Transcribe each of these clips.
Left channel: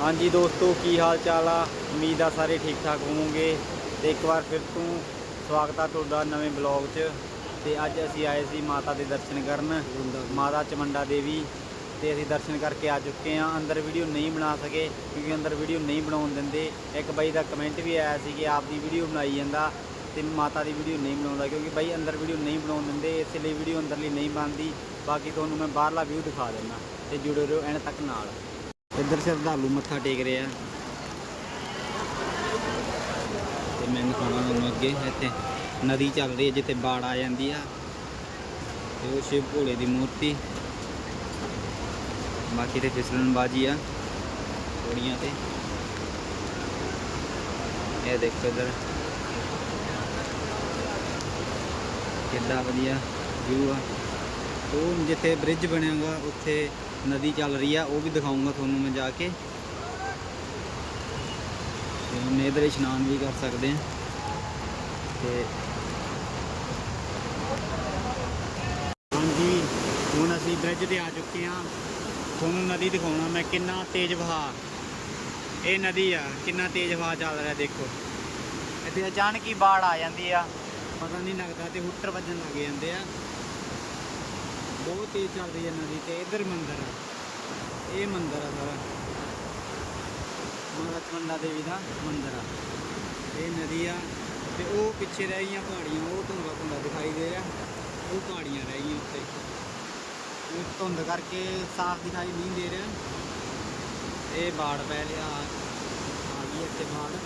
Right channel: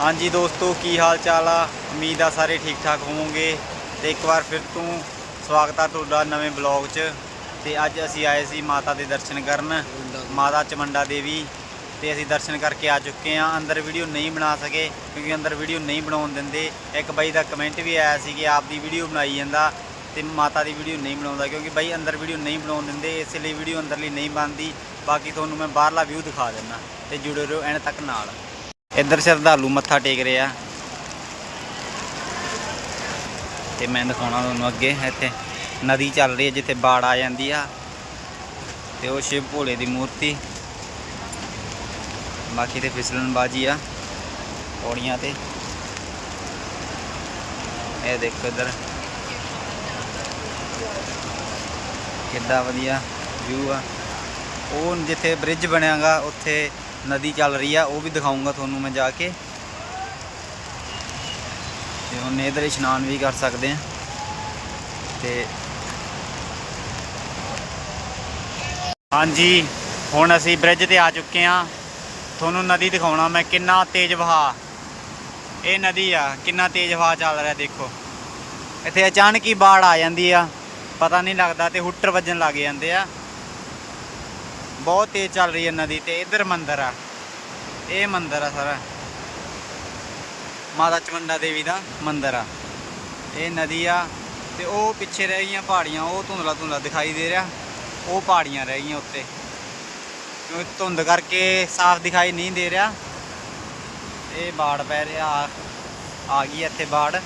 ਹਾਂਜੀ ਦੋਸਤੋ, ਕੀ ਹਾਲ ਚਾਲ ਆ? ਉਮੀਦ ਆ ਸਾਰੇ ਠੀਕ ਠਾਕ ਹੋਵੋਗੇ। ਤੇ ਇੱਕ ਵਾਰ ਫਿਰ ਤੋਂ ਸਵਾਗਤ ਆ ਤੁਹਾਡਾ ਨਵੇਂ ਬਲੌਗ 'ਚ। ਤੇ ਅੱਜ ਅਸੀਂ ਆਏ ਸੀ ਮਾਤਾ ਦੇ ਦਰਸ਼ਨ ਕਰਨ, ਮਾਤਾ ਚਮੰਡਾ ਦੇਵੀ। ਤੇ ਅਸੀਂ ਦਰਸ਼ਨ ਕਰਕੇ ਆ ਚੁੱਕੇ ਆ। ਅੰਦਰ ਵੀਡੀਓ ਨਹੀਂ ਬਣਾ ਸਕੇ, ਕਿਉਂਕਿ ਅੰਦਰ ਵੀਡੀਓ ਨਹੀਂ ਬਣਾਉਣ ਦਿੰਦੇ। ਇੱਕ ਬਾਈ ਦਾ ਕਮੈਂਟ ਵੀ ਆਇਆ ਸੀ ਕਿ ਆਪ ਦੀ ਵੀਡੀਓ ਬਣਾਈ ਜਾਂਦਾ ਤੇ ਮਾਤਾ ਦੀ ਵੀਡੀਓ ਨਹੀਂ ਬਣਾਉਂਦਾ, ਕਿਉਂਕਿ ਬਾਈ ਅੰਦਰ ਵੀਡੀਓ ਨਹੀਂ ਬਣਾਉਣ ਦਿੰਦੇ, ਇਸ ਲਈ ਵੀਡੀਓ ਅੰਦਰਲੀ ਨਹੀਂ ਬਣਦੀ। ਬਾਕੀ ਤੁਹਾਨੂੰ ਮੈਂ ਬਾਹਰਲਾ ਵਿਊ ਦਿਖਾ ਦਿੰਦਾ। ਤੇ ਜੁੜੇ ਰਹੋ ਐਨ ਤੱਕ ਨਾਲ। ਇੱਧਰ ਸ਼ਰਧਾਲੂ ਮੱਥਾ ਟੇਕ ਰਿਹਾ ਤੇ ਮੈਂ ਦਿਖਾਉਣਾ ਤੁਹਾਨੂੰ ਅੱਗੇ, ਇੱਥੇ ਨਦੀ ਚੱਲ ਰਹੀ ਹੈ ਜਿੱਥੇ ਬਾੜ ਆ ਜਾਂਦੀ ਆ। ਤੇ ਉਹ ਸ਼ਿਵ ਭੋਲੇ ਦੀ ਮੂਰਤੀ। ਬਾਕੀ ਤੇ ਫਿਸਲਣ ਬਾਜੀ ਆ ਪੌੜੀਆਂ ਤੇ। ਇਹ ਦੇਖੋ ਇੱਧਰ। ਕਿੱਡਾ ਵਧੀਆ ਵਿਊ ਆ। ਉਹ ਜਿੱਥੇ ਬ੍ਰਿਜ ਬਣਿਆਗਾ, ਉੱਥੇ ਨਦੀ ਚੱਲ ਰਹੀ ਆ, ਉਹ ਵੀ ਦਿਖਾਉਂਗਾ ਤੁਹਾਨੂੰ ਮੈਂ ਜਾ ਕੇ। ਤੇ ਹੁਣ ਇਧਰ ਇਸ਼ਨਾਨ ਵੀ ਕਰ ਸਕਦੇ ਆ। ਤੇ ਹਾਂਜੀ, ਹੁਣ ਅਸੀਂ ਬ੍ਰਿਜ ਤੇ ਆ ਚੁੱਕੇ ਆ। ਤੁਹਾਨੂੰ ਨਦੀ ਦਿਖਾਉਣਾ ਮੈਂ ਕਿੰਨਾ ਤੇਜ਼ ਵਹਾ। ਇਹ ਨਦੀ ਆ, ਕਿੰਨਾ ਤੇਜ਼ ਵਹਾ ਚੱਲ ਰਿਹਾ ਦੇਖੋ। ਇੱਥੇ ਅਚਾਨਕ ਹੀ ਬਾੜ ਆ ਜਾਂਦੀ ਆ। ਪਤਾ ਨਹੀਂ ਲੱਗਦਾ ਤੇ ਹੁੱਟਰ ਵੱਜਣ ਲੱਗ ਜਾਂਦੇ ਆ। ਬਹੁਤ ਤੇਜ਼ ਚੱਲ ਰਹੀ ਹੈ ਨਦੀ ਤੇ ਇੱਧਰ ਮੰਦਿਰ ਆ। ਇਹ ਮੰਦਿਰ ਆ ਸਾਰਾ। ਮਾਤਾ ਚਮੰਡਾ ਦੇਵੀ ਦਾ ਮੰਦਿਰ ਆ। ਇਹ ਨਦੀ ਆ ਤੇ ਉਹ ਪਿੱਛੇ ਰਹਿ ਗਈਆਂ ਪਹਾੜੀਆਂ, ਉਹ ਧੁੰਦਲਾ ਧੁੰਦਲਾ ਦਿਖਾਈ ਦੇ ਰਿਹਾ। ਉਹ ਪਹਾੜੀਆਂ ਰਹਿ ਗਈਆਂ ਉੱਤੇ। ਕਿਉਂਕਿ ਧੁੰਦ ਕਰਕੇ ਸਾਫ਼ ਦਿਖਾਈ ਨਹੀਂ ਦੇ ਰਿਹਾ। ਇਹ ਬਾੜ ਪੈ ਰਿਹਾ, ਆ- ਆ ਗਈ ਇੱਥੇ ਬਾੜ।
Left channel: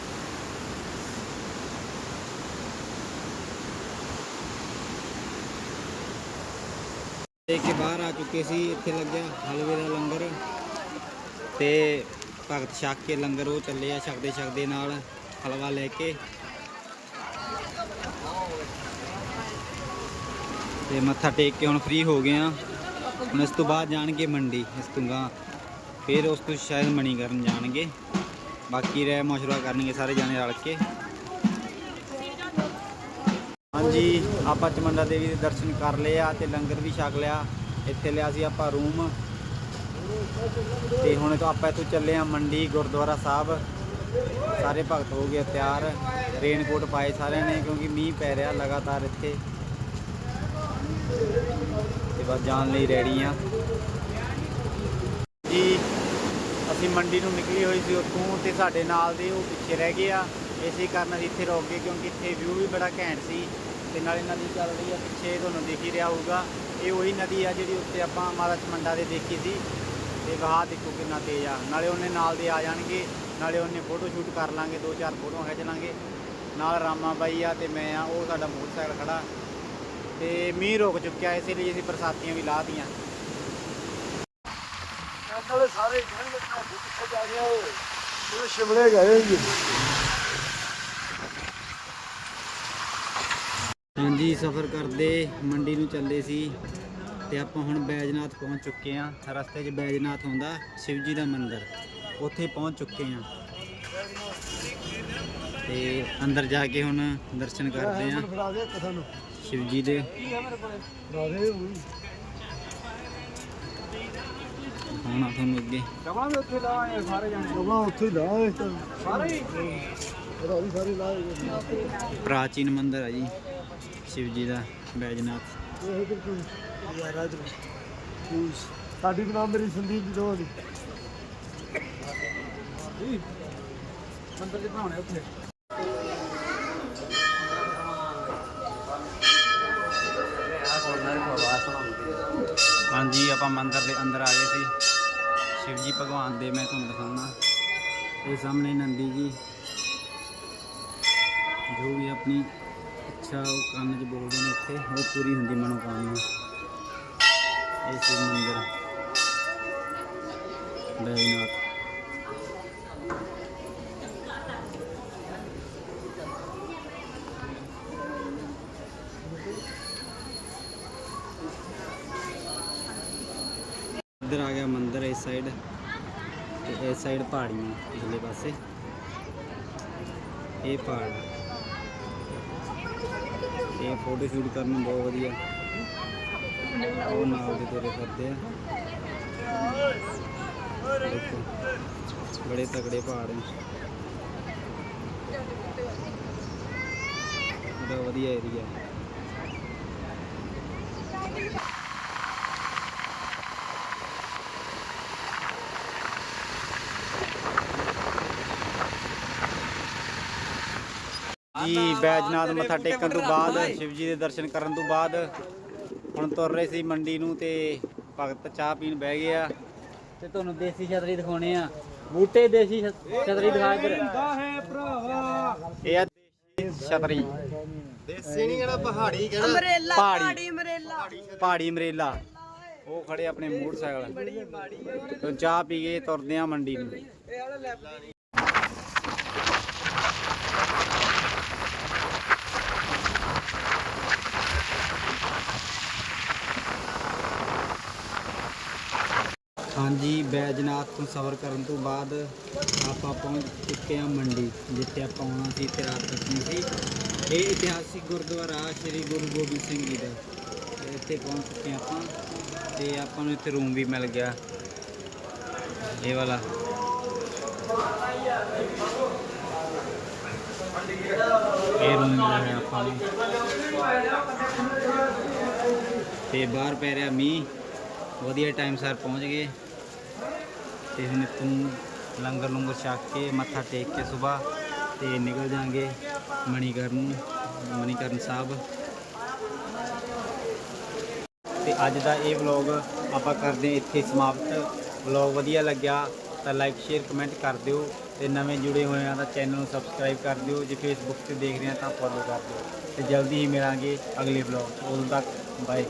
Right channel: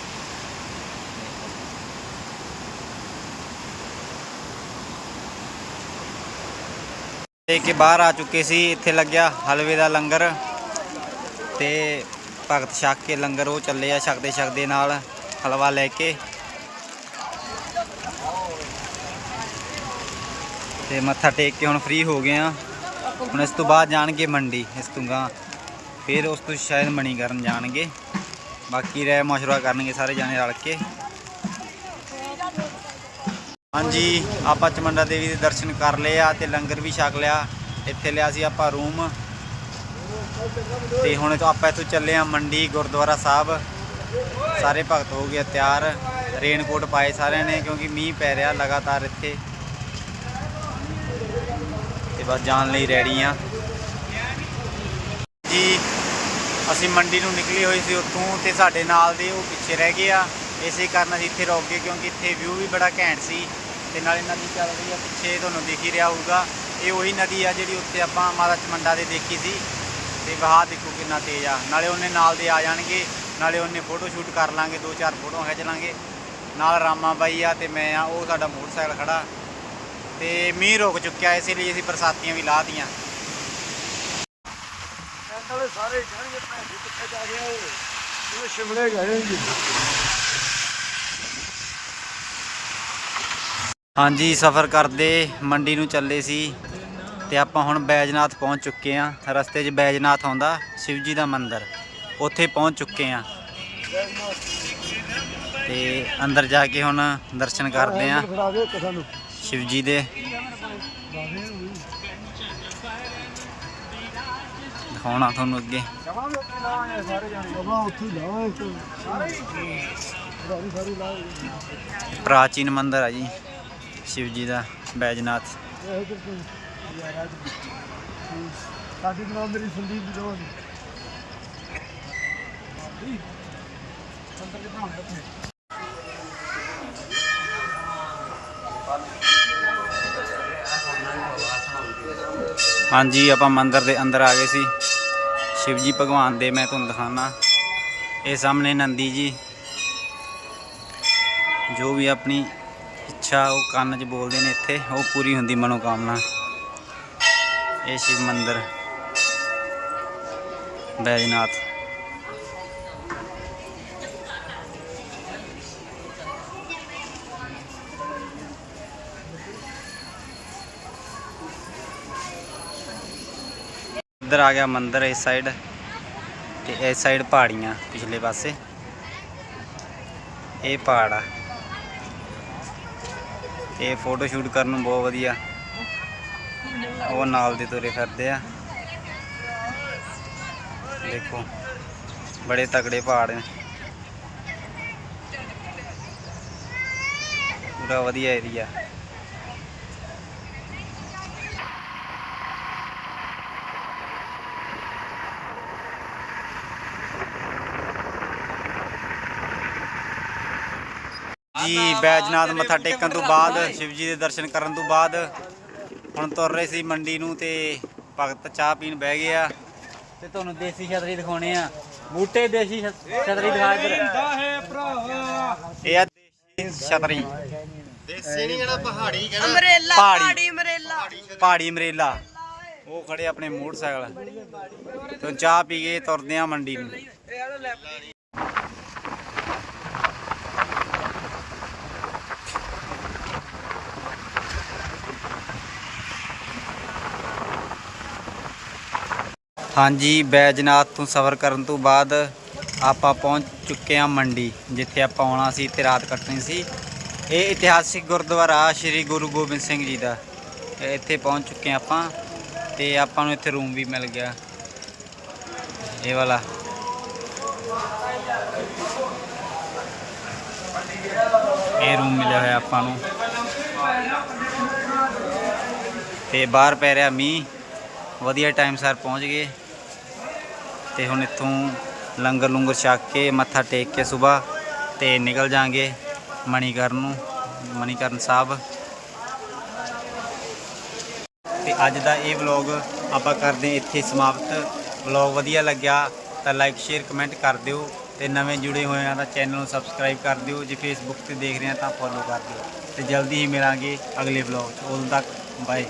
ਤੇ ਕੇ ਬਾਹਰ ਆ ਚੁੱਕੇ ਸੀ, ਇੱਥੇ ਲੱਗਿਆ ਹਲਵੇ ਦਾ ਲੰਗਰ ਤੇ ਭਗਤ ਛਕ ਕੇ ਲੰਗਰ ਉਹ ਚੱਲੇ ਆ ਛਕਦੇ ਛਕਦੇ ਨਾਲ ਹਲਵਾ ਲੈ ਕੇ। ਤੇ ਮੱਥਾ ਟੇਕ ਕੇ ਹੁਣ ਫ੍ਰੀ ਹੋ ਗਏ ਆ। ਹੁਣ ਇਸ ਤੋਂ ਬਾਅਦ ਜਾਣਗੇ ਮੰਡੀ, ਇਸ ਤੋਂ ਗਾਂ ਫਿਰ ਉਸ ਤੋਂ ਸ਼ਾਇਦ ਮਣੀ ਕਰਨ ਜਾਣਗੇ। ਬਾਕੀ ਰਹਿ, ਮਸ਼ਵਰਾ ਕਰਨਗੇ ਸਾਰੇ ਜਾਣੇ ਰਲ ਕੇ। ਹਾਂਜੀ, ਆਪਾਂ ਚਮੰਡਾ ਦੇਵੀ ਦੇ ਦਰਸ਼ਨ ਕਰ ਲਏ ਆ ਤੇ ਲੰਗਰ ਵੀ ਛਕ ਲਿਆ। ਇੱਥੇ ਲਿਆ ਸੀ ਆਪਾਂ ਰੂਮ। ਤੇ ਹੁਣ ਆਪਾਂ ਇੱਥੋਂ ਚੱਲੇ ਆ ਮੰਡੀ, ਗੁਰਦੁਆਰਾ ਸਾਹਿਬ। ਸਾਰੇ ਭਗਤ ਹੋ ਗਏ ਤਿਆਰ। ਰੇਨਕੋਟ ਪਾਏ ਸਾਰਿਆਂ ਨੇ ਕਿਉਂਕਿ ਮੀਂਹ ਪੈ ਰਿਹਾ ਲਗਾਤਾਰ ਇੱਥੇ। ਤੇ ਬਸ ਜਾਣ ਲਈ ਰੈਡੀ ਆ। ਜੀ, ਅਸੀਂ ਮੰਡੀ ਨੂੰ ਨਿਕਲੀ ਹੋਈ ਸੀ ਉੱਥੋਂ ਤੇ ਸਾਡੇ ਨਾਲ ਦੇ ਉਹ ਪਿੱਛੇ ਰਹਿ ਗਏ ਆ। ਇਸੇ ਕਾਰਨ ਅਸੀਂ ਇੱਥੇ ਰੋਕ ਗਏ ਕਿਉਂਕਿ ਇੱਥੇ ਵਿਊ ਵੀ ਬੜਾ ਘੈਂਟ ਸੀ ਤੇ ਨਾਲੇ ਨਦੀ ਚੱਲ ਰਹੀ ਆ ਪਿੱਛੇ ਤੁਹਾਨੂੰ ਦਿਖ ਹੀ ਰਿਹਾ ਹੋਊਗਾ। ਇਹ ਉਹੀ ਨਦੀ ਆ ਜਿਹੜੀ ਉੱਥੇ ਆਪਾਂ ਮਾਤਾ ਚਮੰਡਾ ਦੇ ਦੇਖੀ ਸੀ ਤੇ ਵਹਾ ਦੇਖੋ ਕਿੰਨਾ ਤੇਜ਼ ਆ। ਨਾਲੇ ਉਹਨੇ ਨਾਲ ਦੇ ਆ ਜਾਣਗੇ, ਨਾਲੇ ਉਹਨੇ ਫੋਟੋ ਸ਼ੂਟ ਕਰ ਲਾਂਗੇ, ਦੋ ਚਾਰ ਫੋਟੋਆਂ ਖਿੱਚ ਲਾਂਗੇ। ਨਾਲ ਰਾਮਾ ਬਾਈ ਆ ਤੇ ਮੈਂ ਆ, ਉਹ ਸਾਡਾ ਮੋਟਰਸਾਈਕਲ ਖੜਾ। ਤੇ ਮੀਂਹ ਰੁਕ ਚੁੱਕਿਆ, ਇਸੇ ਲਈ ਅਸੀਂ ਬਰਸਾਤੀਆਂ ਵੀ ਲਾਤੀਆਂ। ਸਾਰੇ ਕਿੱਥੇ ਜਾ ਰਿਹਾ ਉਹ ਇਹ ਸ਼ਿਮਲੇ ਗਏ ਹੋਏ ਜੀ। ਹਾਂਜੀ ਸਫ਼ਰ ਕਰਦੇ ਮੰਡੀ ਨੂੰ ਚੱਲੇ ਸੀ ਤੇ ਆਪਾਂ ਹੁਣ ਬੈਜਨਾਥ ਪਹੁੰਚ ਚੁੱਕੇ ਆ ਰਸਤੇ 'ਚ ਬੈਜਨਾਥ ਆਉਂਦਾ ਸ਼ਿਵ ਜੀ ਦਾ ਮੰਦਿਰ। ਉੱਥੇ ਪਹੁੰਚ ਚੁੱਕੇ ਆ ਤੇ ਅੰਦਰ ਜਾ ਕੇ ਹੁਣ ਦਰਸ਼ਨ ਕਰਦੇ ਆ ਫੜਾ ਦੇ। ਦਿਖਾਉਣਾ ਤੁਹਾਨੂੰ ਅੱਗੇ। ਉੱਥੇ ਲਾਏ ਸਾਰੇ ਜਾਣੇ। ਉੱਥੇ ਲਾਏ ਸਾਰੇ ਪ੍ਰਾਚੀਨ ਮੰਦਿਰ ਆ ਜੀ। ਸ਼ਿਵ ਜੀ ਦਾ, ਬੈਜਨਾਥ। ਇਹ ਸਾਡੀ ਨਾਮ ਮੇਰੀ ਸੰਦੀਪ ਦੀ ਦੋਵਾਂ ਦੀ ਮੰਦਰ ਦੇ ਬਣਾਉਣੇ ਉੱਥੇ ਹਾਂਜੀ, ਆਪਾਂ ਮੰਦਿਰ ਦੇ ਅੰਦਰ ਆ ਗਏ ਸੀ। ਸ਼ਿਵ ਜੀ ਭਗਵਾਨ ਦੇ ਮੈਂ ਤੁਹਾਨੂੰ ਦਿਖਾਣਾ ਇਹ ਸਾਹਮਣੇ ਨੰਦੀ ਜੀ, ਜੋ ਵੀ ਆਪਣੀ ਇੱਛਾ, ਉਹ ਕੰਨ 'ਚ ਬੋਲਦੇ ਨੇ ਇੱਥੇ, ਉਹ ਪੂਰੀ ਹੁੰਦੀ ਮਨੋਕਾਮਨਾ। ਇਹ ਸ਼ਿਵ ਮੰਦਿਰ। ਬੈਜਨਾਥ। ਇੱਧਰ ਆ ਗਿਆ ਮੰਦਿਰ, ਇਸ ਸਾਈਡ। ਤੇ ਇਸ ਸਾਈਡ ਪਹਾੜੀਆਂ, ਪਿਛਲੇ ਪਾਸੇ। ਇਹ ਪਹਾੜ ਆ। ਇਹ ਫੋਟੋ ਸ਼ੂਟ ਕਰਨ ਨੂੰ ਬਹੁਤ ਵਧੀਆ। ਉਹ ਨਾਲ ਦੇ ਤੁਰੇ ਫਿਰਦੇ ਆ। ਦੇਖੋ, ਬੜੇ ਤਕੜੇ ਪਹਾੜ ਨੇ। ਪੂਰਾ ਵਧੀਆ ਏਰੀਆ ਜੀ ਬੈਜਨਾਥ ਮੱਥਾ ਟੇਕਣ ਤੋਂ ਬਾਅਦ ਸ਼ਿਵ ਜੀ ਦੇ ਦਰਸ਼ਨ ਕਰਨ ਤੋਂ ਬਾਅਦ ਹੁਣ ਤੁਰ ਰਹੇ ਸੀ ਮੰਡੀ ਨੂੰ ਤੇ ਭਗਤ ਚਾਹ ਪੀਣ ਬਹਿ ਗਏ ਆ। ਤੇ ਤੁਹਾਨੂੰ ਦੇਸੀ ਛਤਰੀ ਦਿਖਾਉਣੇ ਆ। ਬੂਟੇ ਦੇਸੀ ਛਤਰੀ ਦਿਖਾ ਇੱਧਰ। ਇਹ ਆ ਦੇਸੀ ਛਤਰੀ। ਅਮਰੇਲਾ ਪਹਾੜੀ। ਪਹਾੜੀ ਅਮਰੇਲਾ। ਪਹਾੜੀ ਮਰੇਲਾ ਉਹ ਖੜੇ ਆਪਣੇ ਮੋਟਰਸਾਈਕਲ। ਤੋਂ ਚਾਹ ਪੀ ਕੇ ਤੁਰਦੇ ਆ ਮੰਡੀ ਨੂੰ। ਹਾਂਜੀ, ਬੈਜਨਾਥ ਤੋਂ ਸਫ਼ਰ ਕਰਨ ਤੋਂ ਬਾਅਦ ਆਪਾਂ ਪਹੁੰਚ ਚੁੱਕੇ ਹਾਂ ਮੰਡੀ, ਜਿੱਥੇ ਆਪਾਂ ਆਉਣਾ ਸੀ ਤੇ ਰਾਤ ਕੱਟਣੀ ਸੀ। ਇਹ ਇਤਿਹਾਸਿਕ ਗੁਰਦੁਆਰਾ ਸ੍ਰੀ ਗੁਰੂ ਗੋਬਿੰਦ ਸਿੰਘ ਜੀ ਦਾ। ਇੱਥੇ ਪਹੁੰਚ ਚੁੱਕੇ ਹਾਂ ਆਪਾਂ ਤੇ ਆਪਾਂ ਨੂੰ ਇੱਥੇ ਰੂਮ ਵੀ ਮਿਲ ਗਿਆ। ਇਹ ਵਾਲਾ। ਇਹ ਰੂਮ ਮਿਲਿਆ ਹੋਇਆ ਆਪਾਂ ਨੂੰ। ਤੇ ਬਾਹਰ ਪੈ ਰਿਹਾ ਮੀਂਹ। ਵਧੀਆ ਟਾਈਮ ਸਰ ਪਹੁੰਚ ਗਏ। ਤੇ ਹੁਣ ਇੱਥੋਂ ਲੰਗਰ ਲੰਗਰ ਛਕ ਕੇ ਮੱਥਾ ਟੇਕ ਕੇ ਸਵੇਰ ਤੇ ਨਿਕਲ ਜਾਾਂਗੇ ਮਣੀਕਰਨ ਨੂੰ ਮਣੀਕਰਨ ਸਾਹਿਬ। ਤੇ ਅੱਜ ਦਾ ਇਹ ਵਲੌਗ ਆਪਾਂ ਕਰਦੇ ਇੱਥੇ ਸਮਾਪਤ। ਵਲੌਗ ਵਧੀਆ ਲੱਗਿਆ ਤਾਂ ਲਾਈਕ ਸ਼ੇਅਰ ਕਮੈਂਟ ਕਰ ਦਿਓ ਤੇ ਨਵੇਂ ਜੁੜੇ ਹੋਏ ਆ ਤਾਂ ਚੈਨਲ ਨੂੰ ਸਬਸਕ੍ਰਾਈਬ ਕਰ ਦਿਓ। ਜੇ ਫੇਸਬੁੱਕ ਤੇ ਦੇਖ ਰਹੇ ਆ ਤਾਂ ਫੋਲੋ ਕਰ ਦਿਓ। ਤੇ ਜਲਦੀ ਹੀ ਮਿਲਾਂਗੇ ਅਗਲੇ ਵਲੌਗ 'ਚ। ਉਦੋਂ ਤੱਕ ਬਾਏ